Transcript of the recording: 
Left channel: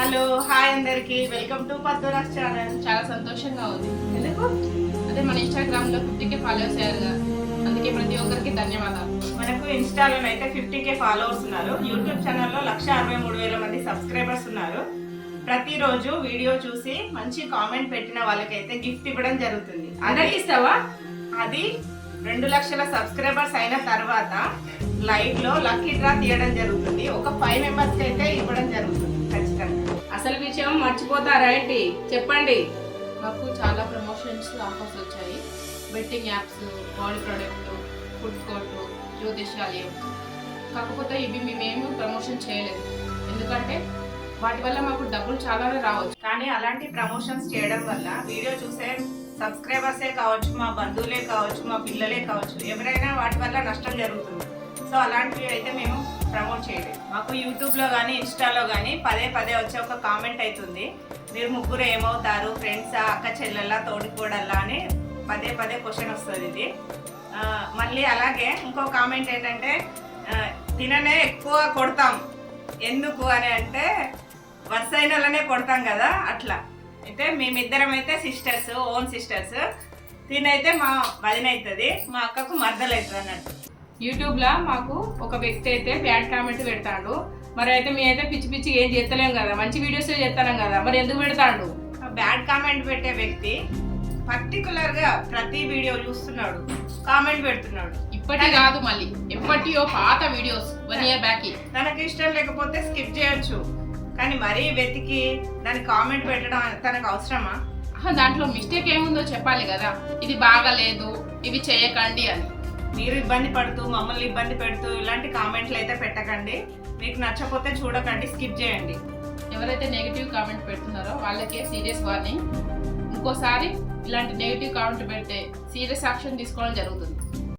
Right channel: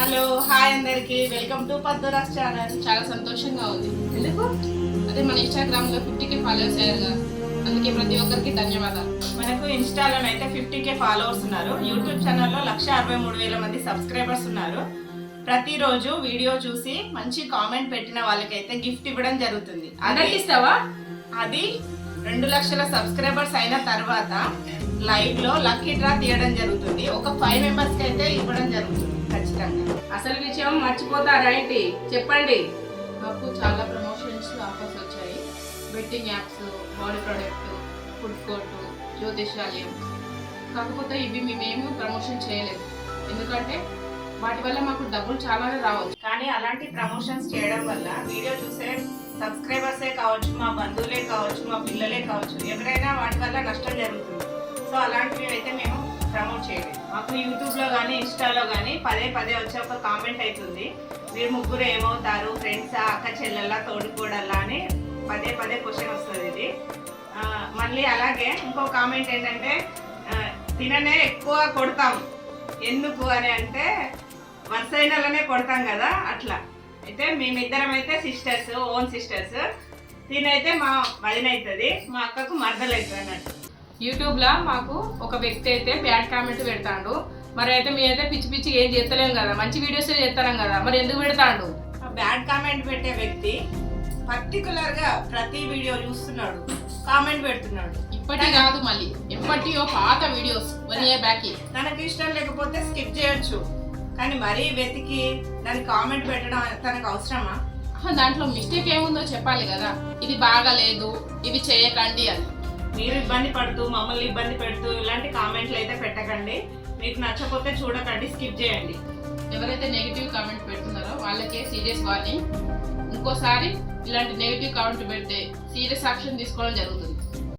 Hello hi అందరికి welcome to పద్దురాస్ channel. చాలా సంతోషంగా ఉంది. ఎందుకు? అదే మన ఇన్స్టాగ్రామ్ లో 50K ఫాలోవర్స్ అయ్యారుగా, అందుకే ప్రతి ఒక్కరికి ధన్యవాదాలు. మనకు ఇన్స్టాలోనైతే 50K ఫాలోవర్స్ ఉన్నారు. యూట్యూబ్ ఛానల్లో 163,000 మంది సబ్స్క్రైబర్స్ ఉన్నారు. ప్రతిరోజు వీడియో చూసి మంచి కామెంట్ పెట్టిన వాళ్ళకైతే గిఫ్ట్ ఇవ్వడం జరుగుతుంది. అందరికి ఇస్తావా? అది 2 లక్షల సబ్స్క్రైబర్స్ అయిన తర్వాత లైవ్ లో లక్కీ డ్రా తీయడం జరుగుతుంది. ఒక 5 మెంబర్స్ కి అయితే ఇవ్వడం జరుగుతుంది ఖచ్చితంగా. అసలు విషయం మర్చిపోతారా ఏంటి? చెప్పండి. మాకు చాలా ప్రమోషన్స్ ఆఫర్స్ వచ్చాయి. Betting apps, body product, food court, జ్యోతిష్యాలయం. కాకపోతే ఇవి మేమేమి ప్రమోషన్ చేయలేదు, ఎందుకంటే వాటి వల్ల మాకు డబ్బులు చాలానే రావచ్చు. కానీ అలాంటి ప్రమోషన్స్ చేయడం వల్ల వీడియో చూసే సబ్స్క్రైబర్సే కావచ్చు, మా బంధువులే కావచ్చు, మా పిల్లలే కావచ్చు, ఎవరైనా వాటి వల్ల నష్టం జరుగుతుంది. సో అలాంటివి అయితే మేము ప్రమోట్ చేయలేదు. మాకు యూట్యూబ్లో కానీ ఇన్స్టాలో కానీ పదే వచ్చే ఒక కామెంట్ అవుతుంది, మీరు ముగ్గురు ఏమవుతారు, ఫ్రెండ్సా, అక్క చెల్లెల్లా, తోడికోడల్లా అని పదే క్వశ్చన్ వస్తుంది. ఇది మళ్ళీ అలాగే ఇంకో కామెంట్ ఏంటంటే తిననే ఎక్కువ కొడతాం ఎందుకు అని అంటే వరుసైనలనే కొడతాం కదా అట్లా. అయితే మేమిద్దరం అయితే సిస్టర్స్, ఓన్ సిస్టర్స్. తినైతే మా వదిన అవుతుంది, మా అక్కకు మర్దలు అవుతుంది అన్నట్టు. యూట్యూబ్లో మాకు ఒక వ్యక్తి అయితే బ్యాడ్ కామెంట్ పెడతాడు. మరి అయితే మేమైతే పిచ్చి ఏం చేస్తలేం కదా, మంచి వీడియోస్ చేస్తాం కదా, మరి ఎందుకు పెడతాడు? బ్యాడ్ కామెంట్ పెట్టే వ్యక్తి పర్టికులర్గా ప్రతి వీడియో చూస్తున్నాడు, కామెంట్ పెడుతున్నాడు. ఇప్పటి కాదు, మళ్ళీ ఎప్పటియో పాత వీడియోస్ 1 year బ్యాక్. తనకి ఇష్టం లేకపోతే స్కిప్ చేయొచ్చు, కానీ మరీ వెతికి దానికి కామెంట్ పెట్టడం తనకు అవసరమా? దాంట్లో మిస్టేక్ ఏముందో చెప్పాలి కదా, ఇది బాగాలేదు, ఇవి చేయకండి అని. మీరు ఇబ్బంది పడుతూ మమ్మల్ని ఇబ్బంది పెడుతూ ఇలాంటి కామెంట్లు అయితే పెట్టకండి. మీకు నచ్చకపోతే చూడకండి, స్కిప్ చేయండి. ఎవరైతే నెగిటివ్ కామెంట్ పెడుతున్నారో వాళ్ళకే సీరియస్ వార్నింగ్. ఇంకోసారి ఇలాంటి నెగిటివ్ కామెంట్ పెడితే సీరియస్ యాక్షన్ తీసుకోవడం జరుగుతుంది.